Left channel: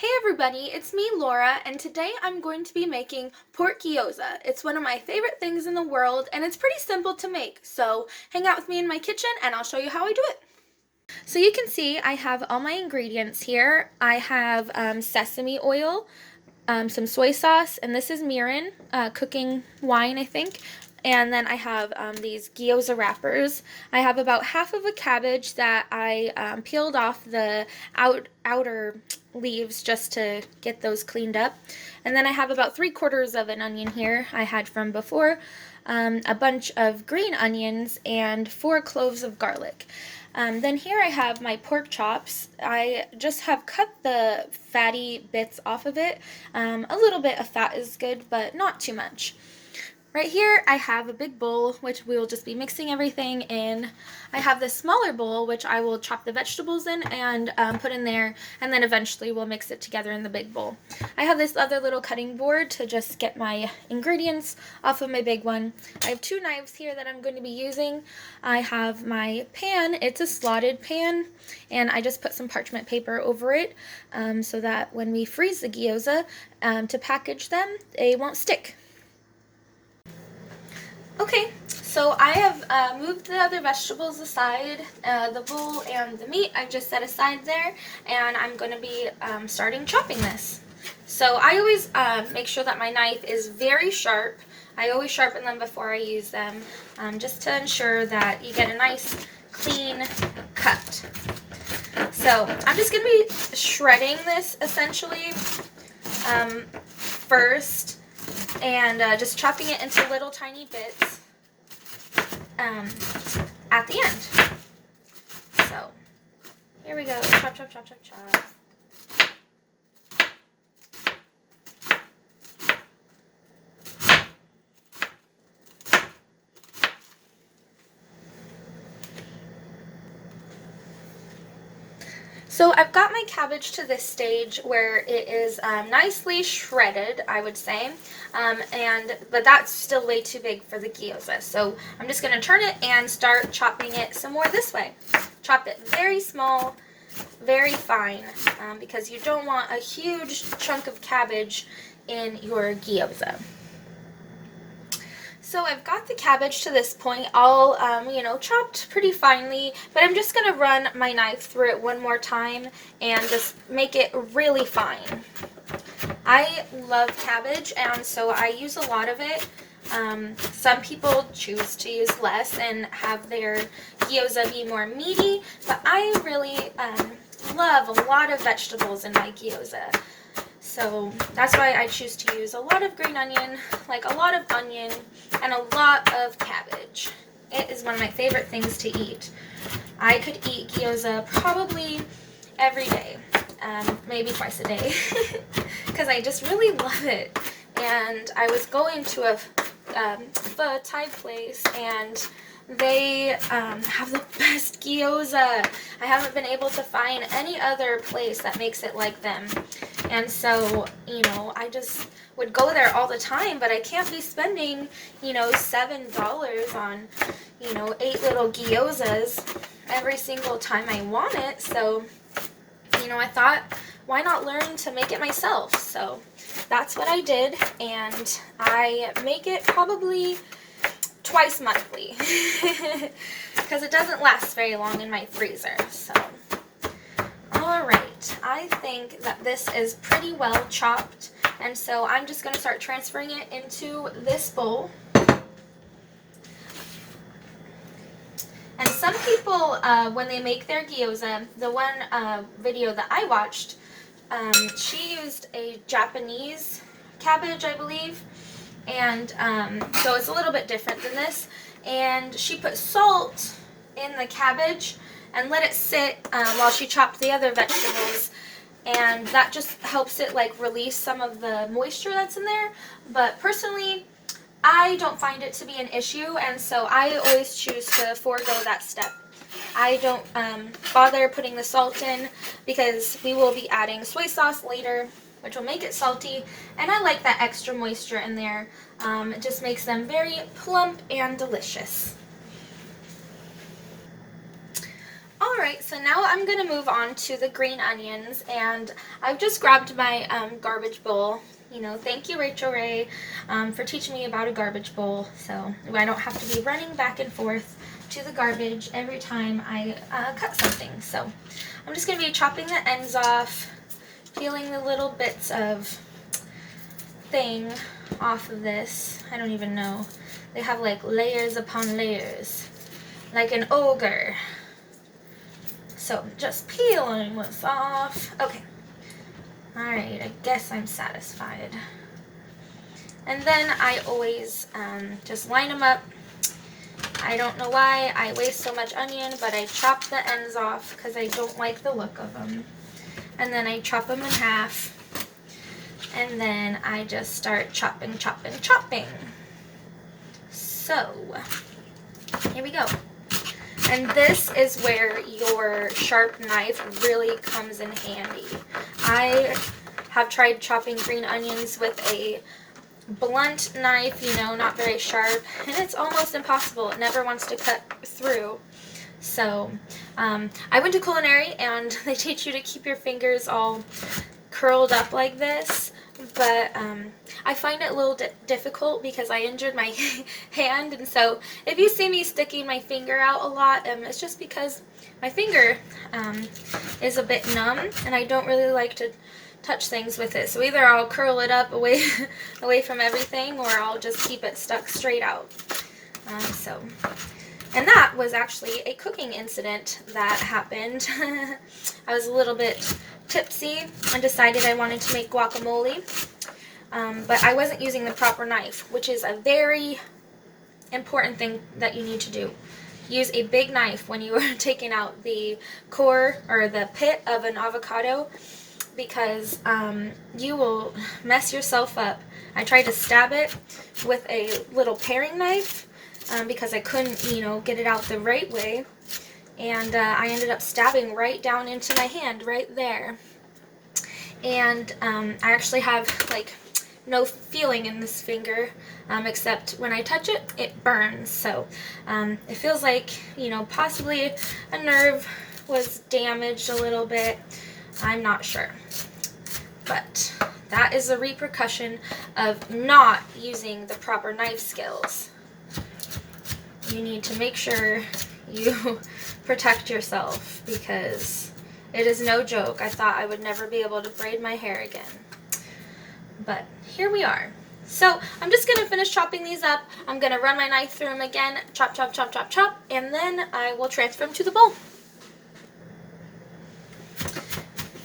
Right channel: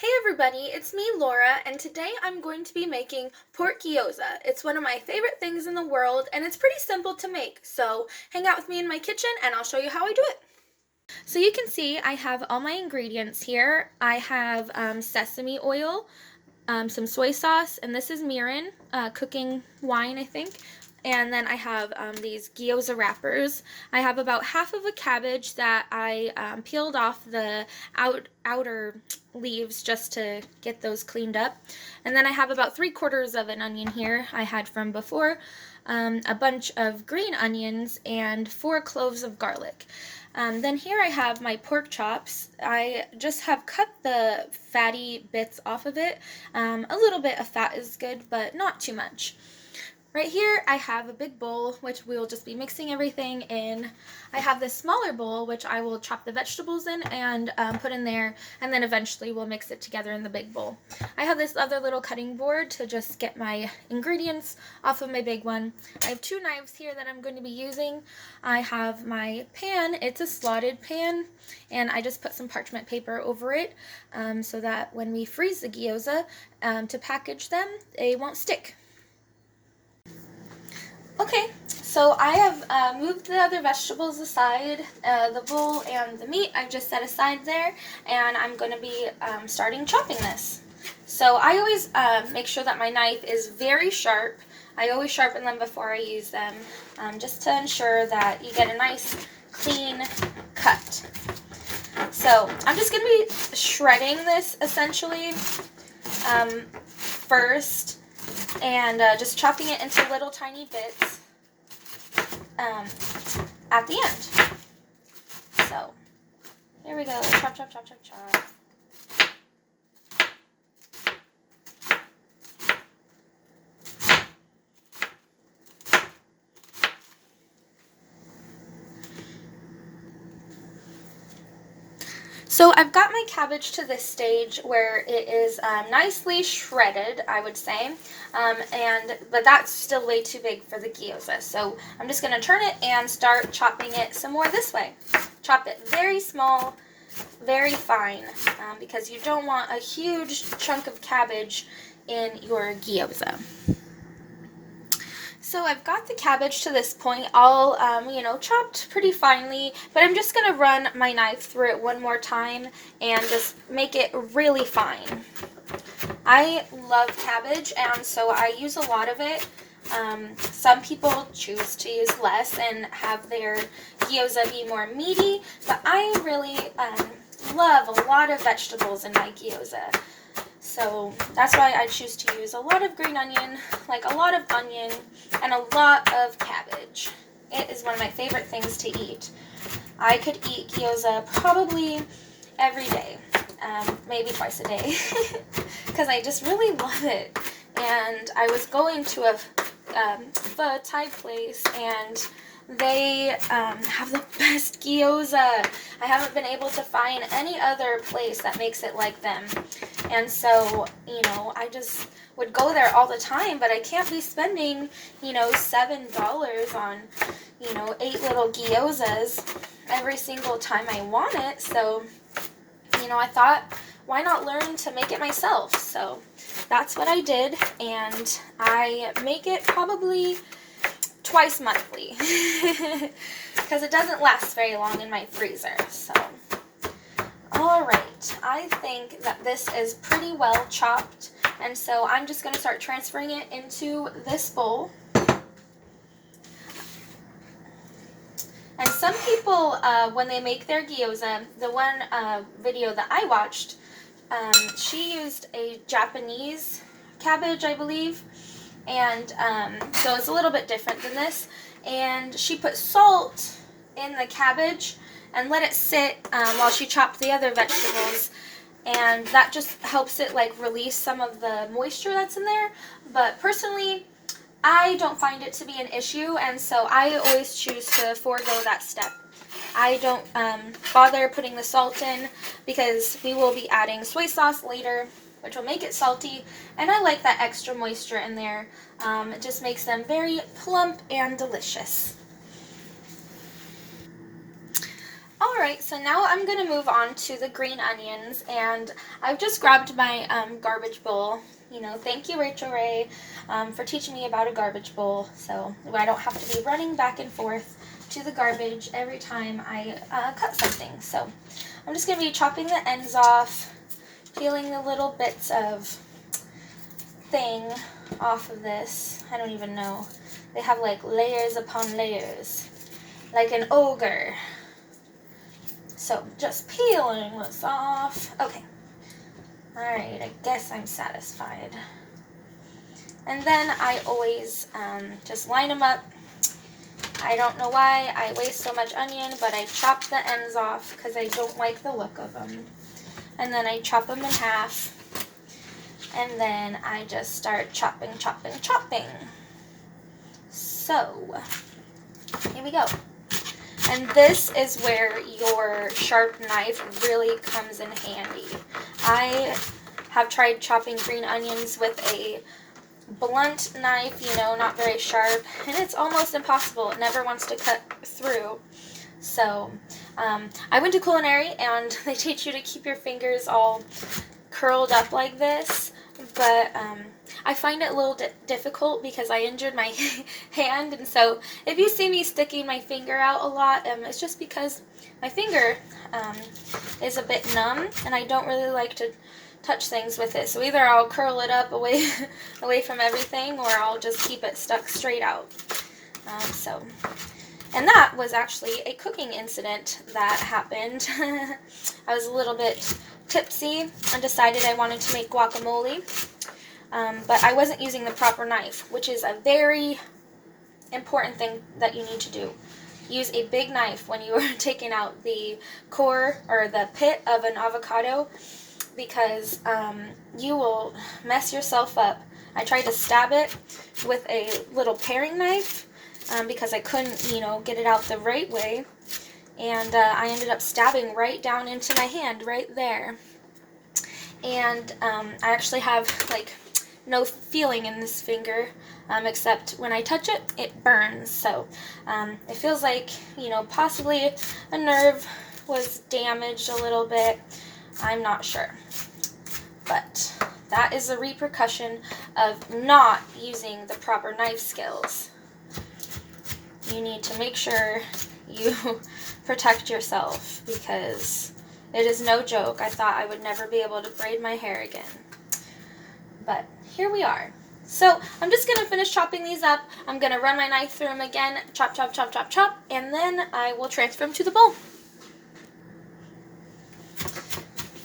Hey everybody, it's me Laura, and today I'm going to be making pork gyoza. It's one of my favorite things in the world, and it's pretty simple to make, so hang out with me in my kitchen and I'll show you how I do it. So you can see I have all my ingredients here. I have sesame oil, some soy sauce, and this is mirin, cooking wine, I think. And then I have these gyoza wrappers. I have about half of a cabbage that I peeled off the outer leaves just to get those cleaned up. And then I have about 3/4 of an onion here I had from before, a bunch of green onions, and 4 cloves of garlic. Then here I have my pork chops. I just have cut the fatty bits off of it. A little bit of fat is good, but not too much. Right here I have a big bowl, which we will just be mixing everything in. I have this smaller bowl, which I will chop the vegetables in and put in there, and then eventually we'll mix it together in the big bowl. I have this other little cutting board to just get my ingredients off of my big one. I have 2 knives here that I'm going to be using. I have my pan. It's a slotted pan, and I just put some parchment paper over it so that when we freeze the gyoza to package them, they won't stick. Okay, so I have moved the other vegetables aside, the bowl and the meat I've just set aside there, and I'm going to be starting chopping this. So I always make sure that my knife is very sharp. I always sharpen them before I use them, just to ensure that you get a nice, clean cut. So I'm just going to be shredding this essentially first, and just chopping it into little tiny bits at the end. So here we go, chop, chop, chop, chop, chop. So I've got my cabbage to this stage where it is nicely shredded, I would say, but that's still way too big for the gyoza. So I'm just going to turn it and start chopping it some more this way. Chop it very small, very fine, because you don't want a huge chunk of cabbage in your gyoza. So I've got the cabbage to this point all, chopped pretty finely, but I'm just going to run my knife through it one more time and just make it really fine. I love cabbage, and so I use a lot of it. Some people choose to use less and have their gyoza be more meaty, but I really love a lot of vegetables in my gyoza. So that's why I choose to use a lot of green onion, like a lot of onion, and a lot of cabbage. It is one of my favorite things to eat. I could eat gyoza probably every day, maybe twice a day, because I just really love it. And I was going to a Thai place, and they have the best gyoza. I haven't been able to find any other place that makes it like them. And so, I just would go there all the time, but I can't be spending, $7 on, 8 little gyozas every single time I want it. So, I thought, why not learn to make it myself? So that's what I did, and I make it probably twice monthly because it doesn't last very long in my freezer. So alright, I think that this is pretty well chopped, and so I'm just going to start transferring it into this bowl. And some people, when they make their gyoza, the one video that I watched, she used a Japanese cabbage, I believe, and so it's a little bit different than this, and she put salt in the cabbage and let it sit while she chopped the other vegetables, and that just helps it release some of the moisture that's in there. But personally, I don't find it to be an issue, and so I always choose to forego that step. I don't bother putting the salt in because we will be adding soy sauce later, which will make it salty, and I like that extra moisture in there. It just makes them very plump and delicious. Alright, so now I'm going to move on to the green onions, and I've just grabbed my garbage bowl. You know, thank you, Rachel Ray, for teaching me about a garbage bowl, so I don't have to be running back and forth to the garbage every time I cut something. So I'm just going to be chopping the ends off, peeling the little bits of thing off of this. I don't even know. They have like layers upon layers, like an ogre. So just peeling this off. Okay. Alright, I guess I'm satisfied. And then I always just line them up. I don't know why I waste so much onion, but I chop the ends off because I don't like the look of them. And then I chop them in half. And then I just start chopping, chopping, chopping. So, here we go. And this is where your sharp knife really comes in handy. I have tried chopping green onions with a blunt knife, you know, not very sharp, and it's almost impossible. It never wants to cut through. So, I went to culinary, and they teach you to keep your fingers all curled up like this, but I find it a little difficult because I injured my hand, and so if you see me sticking my finger out a lot, it's just because my finger is a bit numb, and I don't really like to touch things with it. So either I'll curl it up away from everything, or I'll just keep it stuck straight out. And that was actually a cooking incident that happened. I was a little bit tipsy and decided I wanted to make guacamole, but I wasn't using the proper knife, which is a very important thing that you need to do. Use a big knife when you are taking out the core or the pit of an avocado, because you will mess yourself up. I tried to stab it with a little paring knife because I couldn't, you know, get it out the right way. And I ended up stabbing right down into my hand, right there. And I actually have, like, no feeling in this finger, except when I touch it, it burns. So it feels like, you know, possibly a nerve was damaged a little bit. I'm not sure. But that is a repercussion of not using the proper knife skills. You need to make sure you protect yourself, because it is no joke. I thought I would never be able to braid my hair again. But here we are. So I'm just going to finish chopping these up. I'm going to run my knife through them again, chop, chop, chop, chop, chop, and then I will transfer them to the bowl.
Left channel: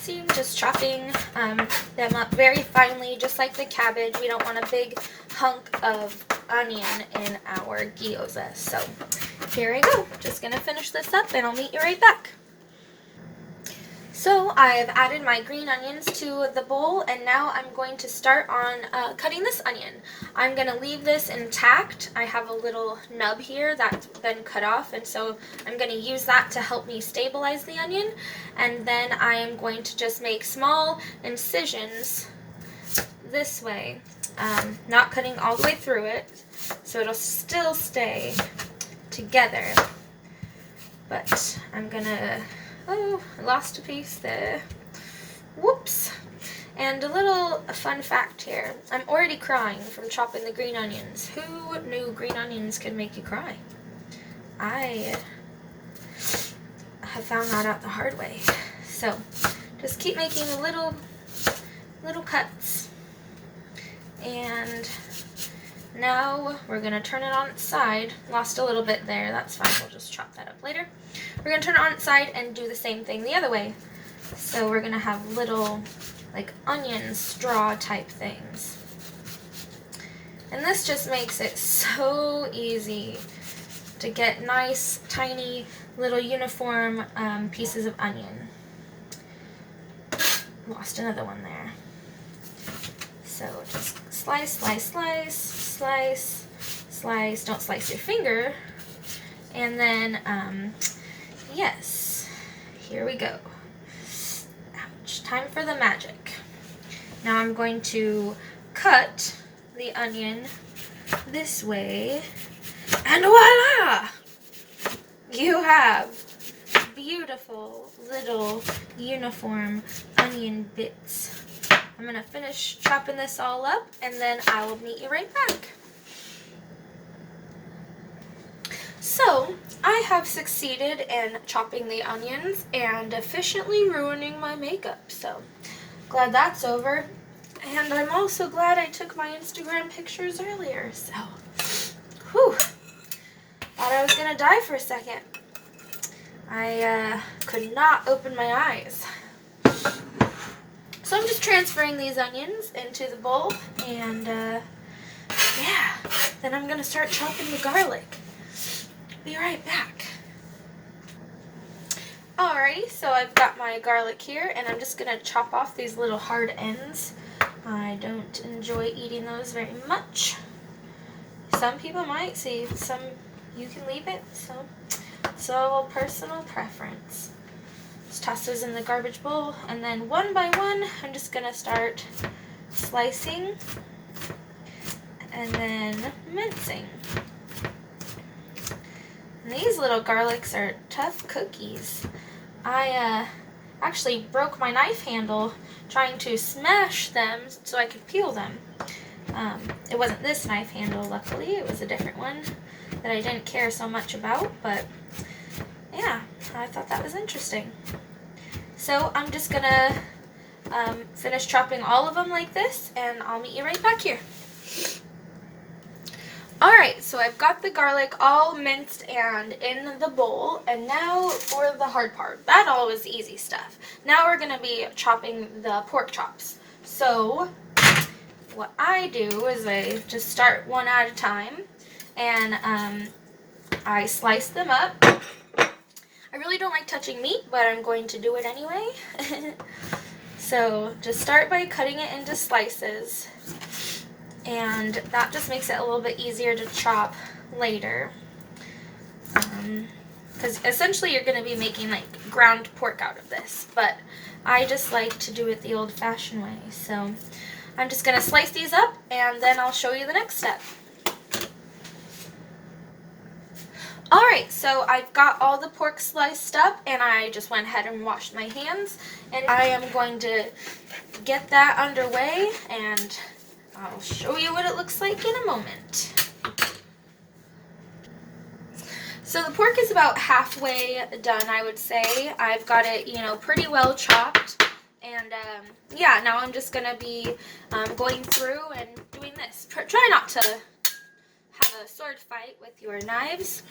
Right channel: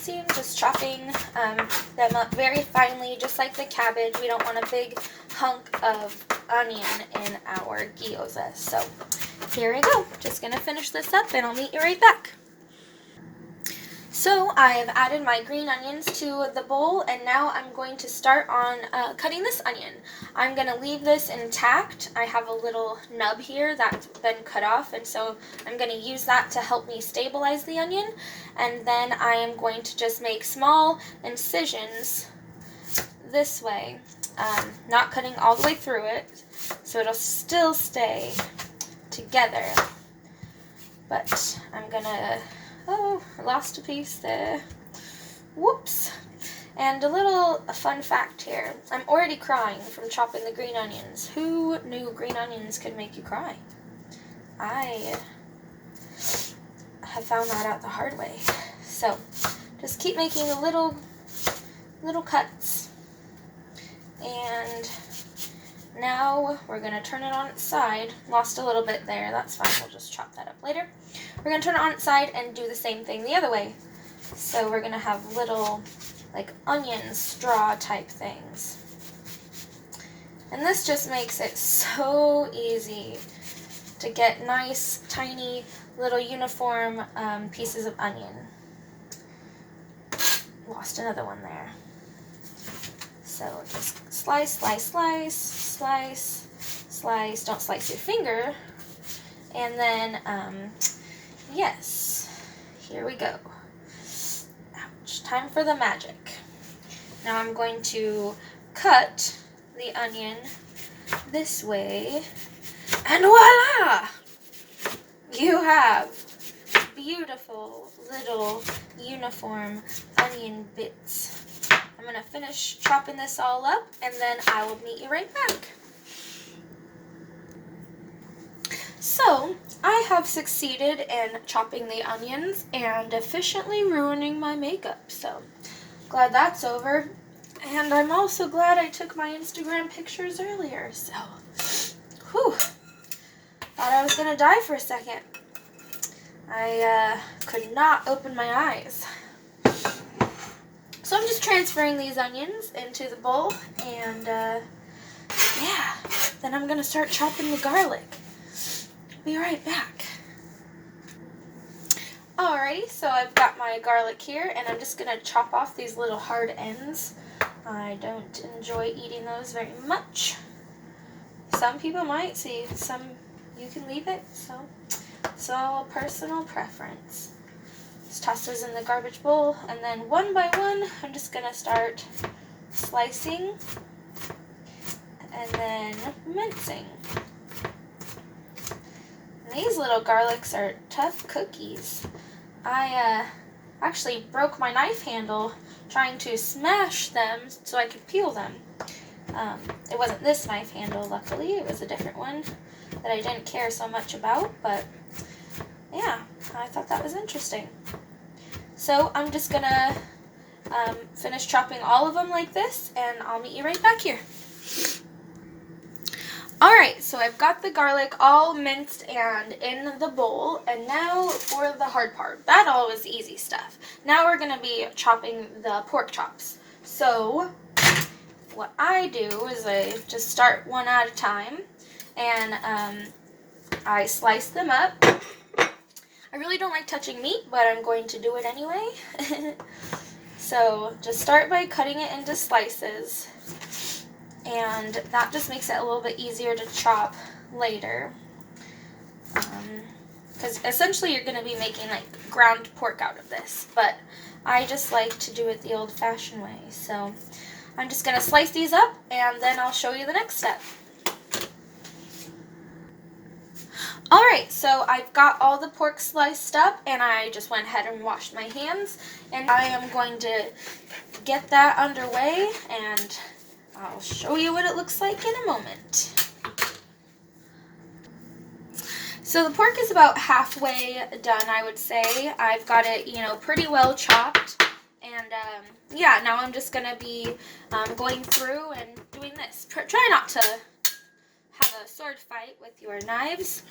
See, I'm just chopping them up very finely, just like the cabbage. We don't want a big hunk of onion in our gyoza. So here we go. Just going to finish this up, and I'll meet you right back. So I have added my green onions to the bowl, and now I'm going to start on cutting this onion. I'm going to leave this intact. I have a little nub here that's been cut off, and so I'm going to use that to help me stabilize the onion. And then I am going to just make small incisions this way, not cutting all the way through it, so it'll still stay together. But I'm going to... Oh, I lost a piece there. Whoops. And a fun fact here. I'm already crying from chopping the green onions. Who knew green onions could make you cry? I have found that out the hard way. So, just keep making the little cuts. And now we're going to turn it on its side. Lost a little bit there. That's fine. We'll just chop that up later. We're going to turn it on its side and do the same thing the other way. So we're going to have little, like, onion straw type things. And this just makes it so easy to get nice, tiny, little uniform pieces of onion. Lost another one there. So just slice, slice, slice, slice, slice. Don't slice your finger. And then, yes, here we go. Ouch, time for the magic. Now I'm going to cut the onion this way, and voila! You have beautiful little uniform onion bits. I'm going to finish chopping this all up, and then I will meet you right back. So, I have succeeded in chopping the onions and efficiently ruining my makeup, so glad that's over. And I'm also glad I took my Instagram pictures earlier, so whew, thought I was going to die for a second. I could not open my eyes. So I'm just transferring these onions into the bowl, and yeah, then I'm going to start chopping the garlic. Be right back. Alrighty, so I've got my garlic here, and I'm just going to chop off these little hard ends. I don't enjoy eating those very much. Some people might, see, some you can leave it, so it's all personal preference. Just toss those in the garbage bowl, and then one by one, I'm just going to start slicing and then mincing. And these little garlics are tough cookies. I actually broke my knife handle trying to smash them so I could peel them. It wasn't this knife handle, luckily. It was a different one that I didn't care so much about, but yeah, I thought that was interesting. So I'm just gonna finish chopping all of them like this, and I'll meet you right back here. Alright, so I've got the garlic all minced and in the bowl, and now for the hard part. That all was easy stuff. Now we're going to be chopping the pork chops. So what I do is I just start one at a time, and I slice them up. I really don't like touching meat, but I'm going to do it anyway. So just start by cutting it into slices. And that just makes it a little bit easier to chop later. Because essentially you're going to be making like ground pork out of this. But I just like to do it the old-fashioned way. So I'm just going to slice these up, and then I'll show you the next step. Alright, so I've got all the pork sliced up, and I just went ahead and washed my hands. And I am going to get that underway, and I'll show you what it looks like in a moment. So the pork is about halfway done, I would say. I've got it, pretty well chopped. And yeah, now I'm just going to be going through and doing this. Try not to have a sword fight with your knives.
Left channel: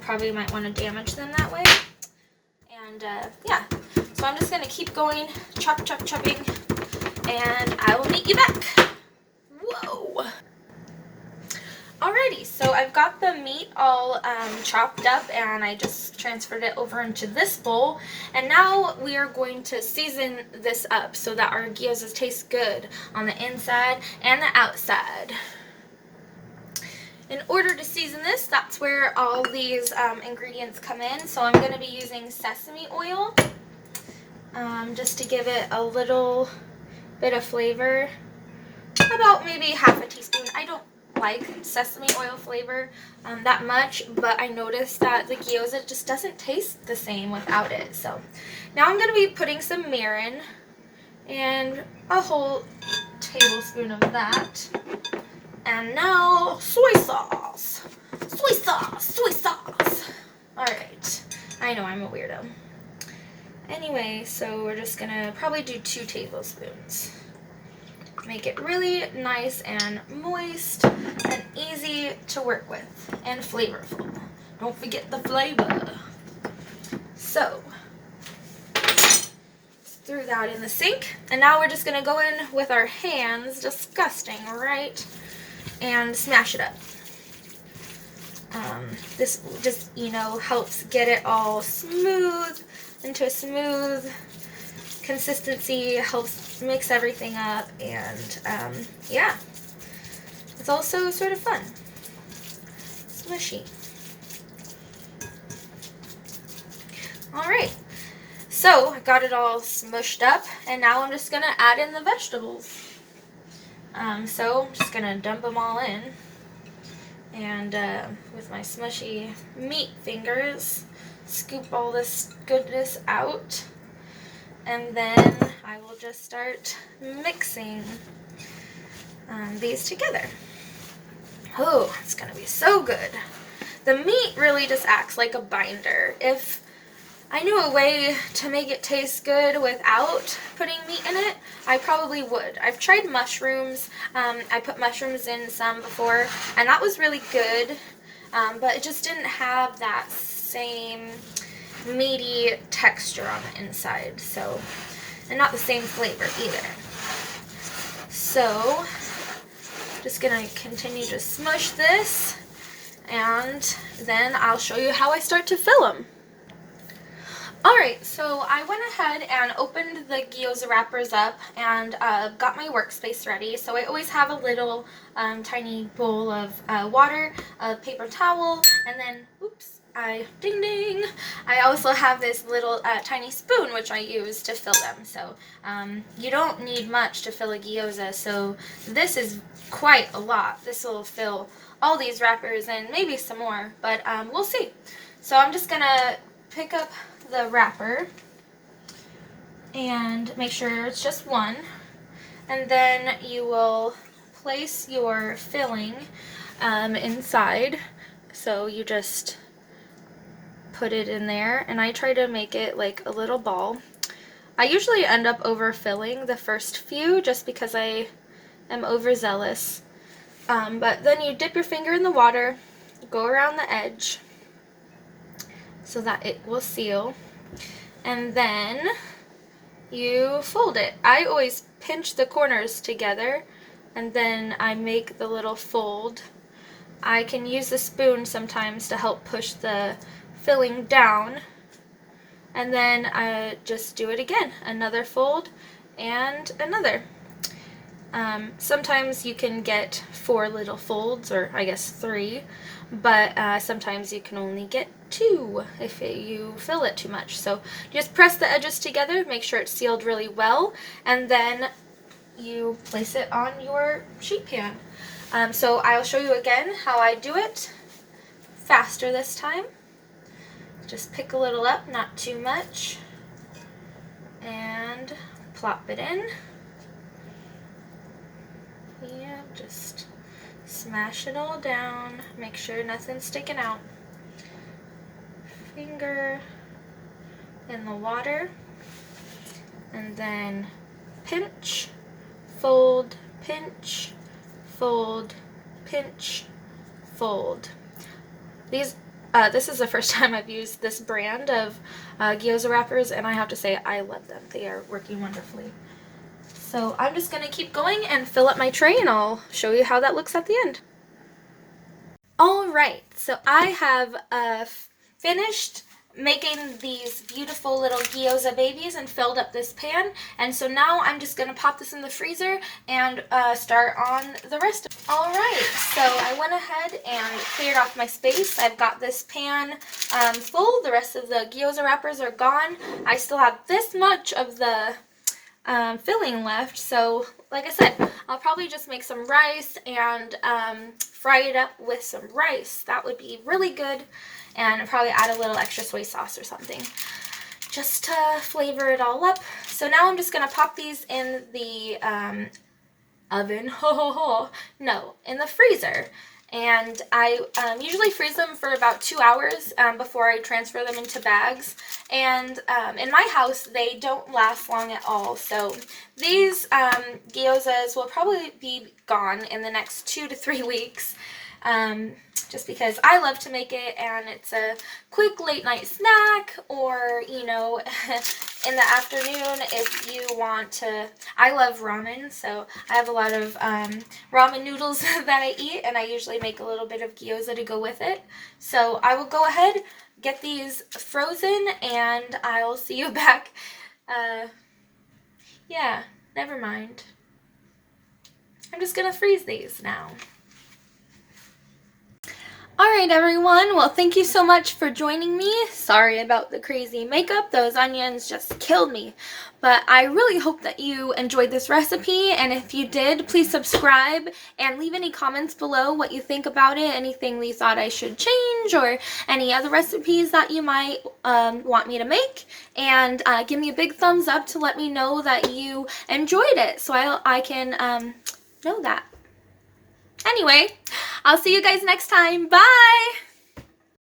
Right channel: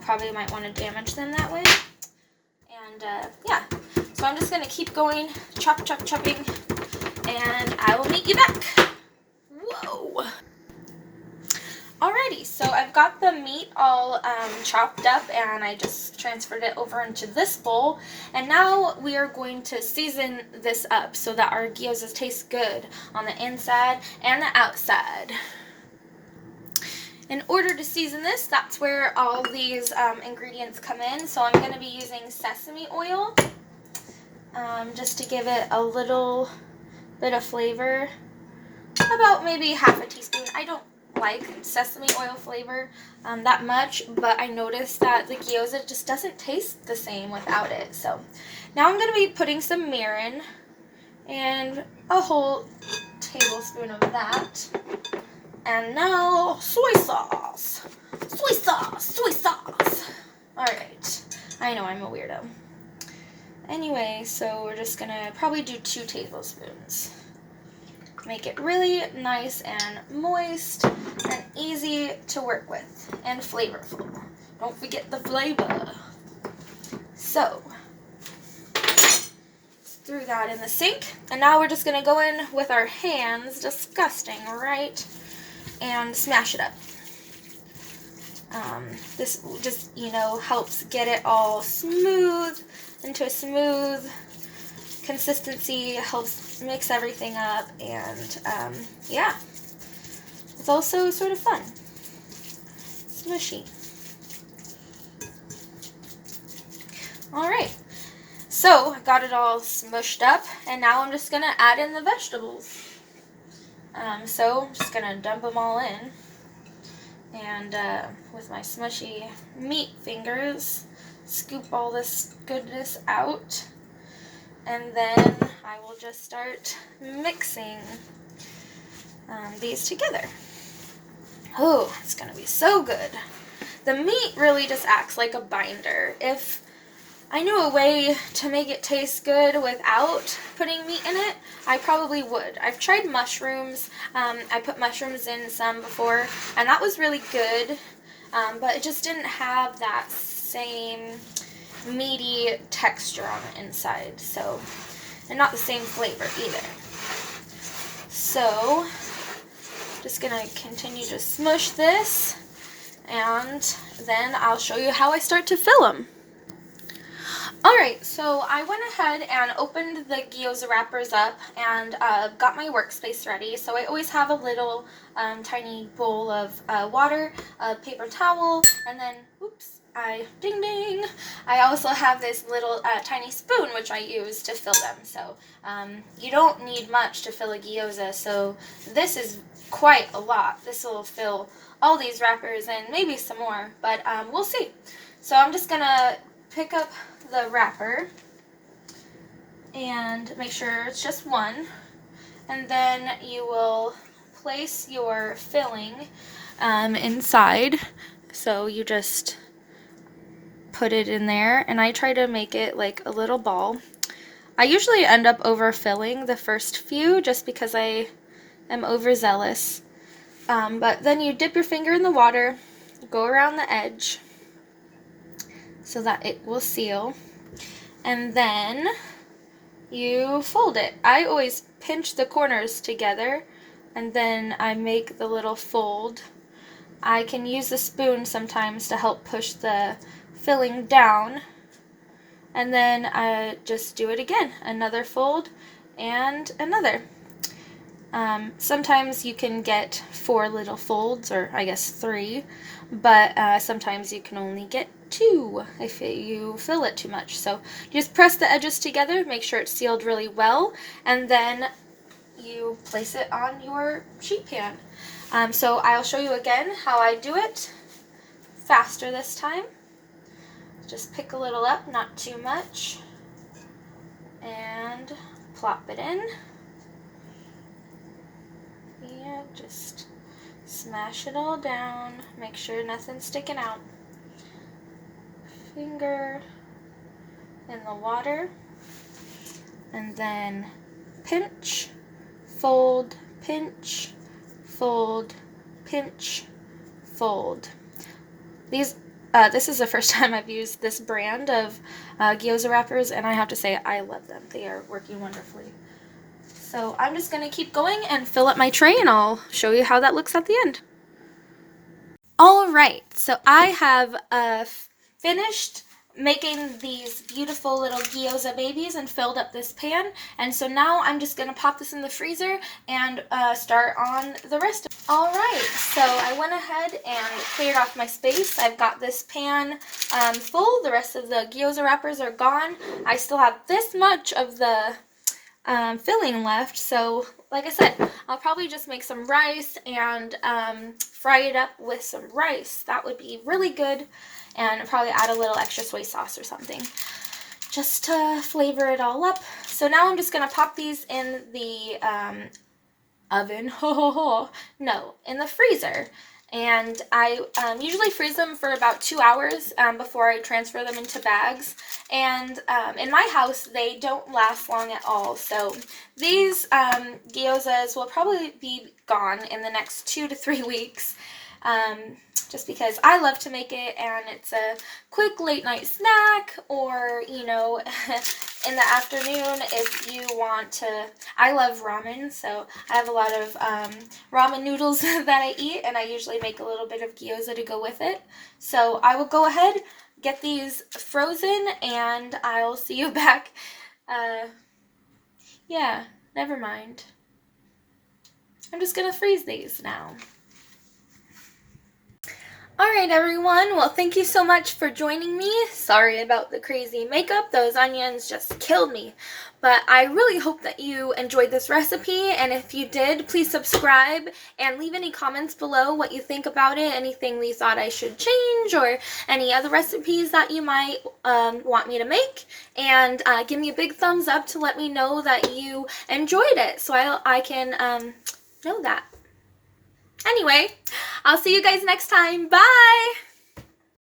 Probably might want to damage them that way. And yeah, so I'm just going to keep going, chopping. And I will meet you back. Whoa. Alrighty, so I've got the meat all chopped up, and I just transferred it over into this bowl. And now we are going to season this up so that our gyozas taste good on the inside and the outside. In order to season this, that's where all these ingredients come in. So I'm going to be using sesame oil just to give it a little bit of flavor, about maybe half a teaspoon. I don't like sesame oil flavor that much, but I noticed that the gyoza just doesn't taste the same without it. So now I'm going to be putting some mirin and a whole tablespoon of that. And now soy sauce. Alright, I know I'm a weirdo. Anyway, so we're just gonna probably do 2 tablespoons. Make it really nice and moist and easy to work with and flavorful. Don't forget the flavor. So, threw that in the sink, and now we're just gonna go in with our hands, disgusting, right? And smash it up. This just, helps get it all smooth, into a smooth consistency, helps mix everything up, and yeah, it's also sort of fun. Smushy. Alright, so I got it all smushed up, and now I'm just going to add in the vegetables. So I'm just going to dump them all in, and with my smushy meat fingers, scoop all this goodness out, and then I will just start mixing these together. Oh, it's gonna be so good. The meat really just acts like a binder. If I knew a way to make it taste good without putting meat in it, I probably would. I've tried mushrooms. I put mushrooms in some before, and that was really good, but it just didn't have that same meaty texture on the inside, so, and not the same flavor either. So, just gonna continue to smush this, and then I'll show you how I start to fill them. Alright, so I went ahead and opened the gyoza wrappers up and got my workspace ready. So I always have a little tiny bowl of water, a paper towel, and then, oops, ding ding, I also have this little tiny spoon which I use to fill them. So you don't need much to fill a gyoza, so this is quite a lot. This will fill all these wrappers and maybe some more, but we'll see. So I'm just gonna pick up the wrapper and make sure it's just one, and then you will place your filling inside. So you just put it in there, and I try to make it like a little ball. I usually end up overfilling the first few just because I am overzealous, but then you dip your finger in the water, go around the edge so that it will seal, and then you fold it. I always pinch the corners together, and then I make the little fold. I can use the spoon sometimes to help push the filling down, and then I just do it again. Another fold and another. Sometimes you can get 4 little folds, or I guess 3, but sometimes you can only get 2 if you fill it too much. So just press the edges together, make sure it's sealed really well, and then you place it on your sheet pan. So I'll show you again how I do it, faster this time. Just pick a little up, not too much, and plop it in. Yeah, just smash it all down. Make sure nothing's sticking out. Finger in the water, and then pinch, fold, pinch, fold, pinch, fold. This is the first time I've used this brand of gyoza wrappers, and I have to say I love them. They are working wonderfully. So I'm just going to keep going and fill up my tray, and I'll show you how that looks at the end. Alright, so I have finished making these beautiful little gyoza babies and filled up this pan, and so now I'm just going to pop this in the freezer and start on the rest of it. Alright, so I went ahead and cleared off my space. I've got this pan full. The rest of the gyoza wrappers are gone. I still have this much of the filling left, so like I said, I'll probably just make some rice and fry it up with some rice. That would be really good, and probably add a little extra soy sauce or something just to flavor it all up. So now I'm just going to pop these in the oven, no, in the freezer. And I usually freeze them for about 2 hours before I transfer them into bags. And in my house, they don't last long at all. So these gyozas will probably be gone in the next 2 to 3 weeks. Just because I love to make it, and it's a quick late night snack, or, you know, in the afternoon if you want to. I love ramen, so I have a lot of ramen noodles that I eat, and I usually make a little bit of gyoza to go with it. So I will go ahead, get these frozen, and I'll see you back. Yeah, never mind. I'm just gonna freeze these now. Alright everyone, well thank you so much for joining me. Sorry about the crazy makeup, those onions just killed me. But I really hope that you enjoyed this recipe, and if you did, please subscribe and leave any comments below what you think about it, anything you thought I should change, or any other recipes that you might want me to make. And give me a big thumbs up to let me know that you enjoyed it, so I can know that. Anyway, I'll see you guys next time. Bye!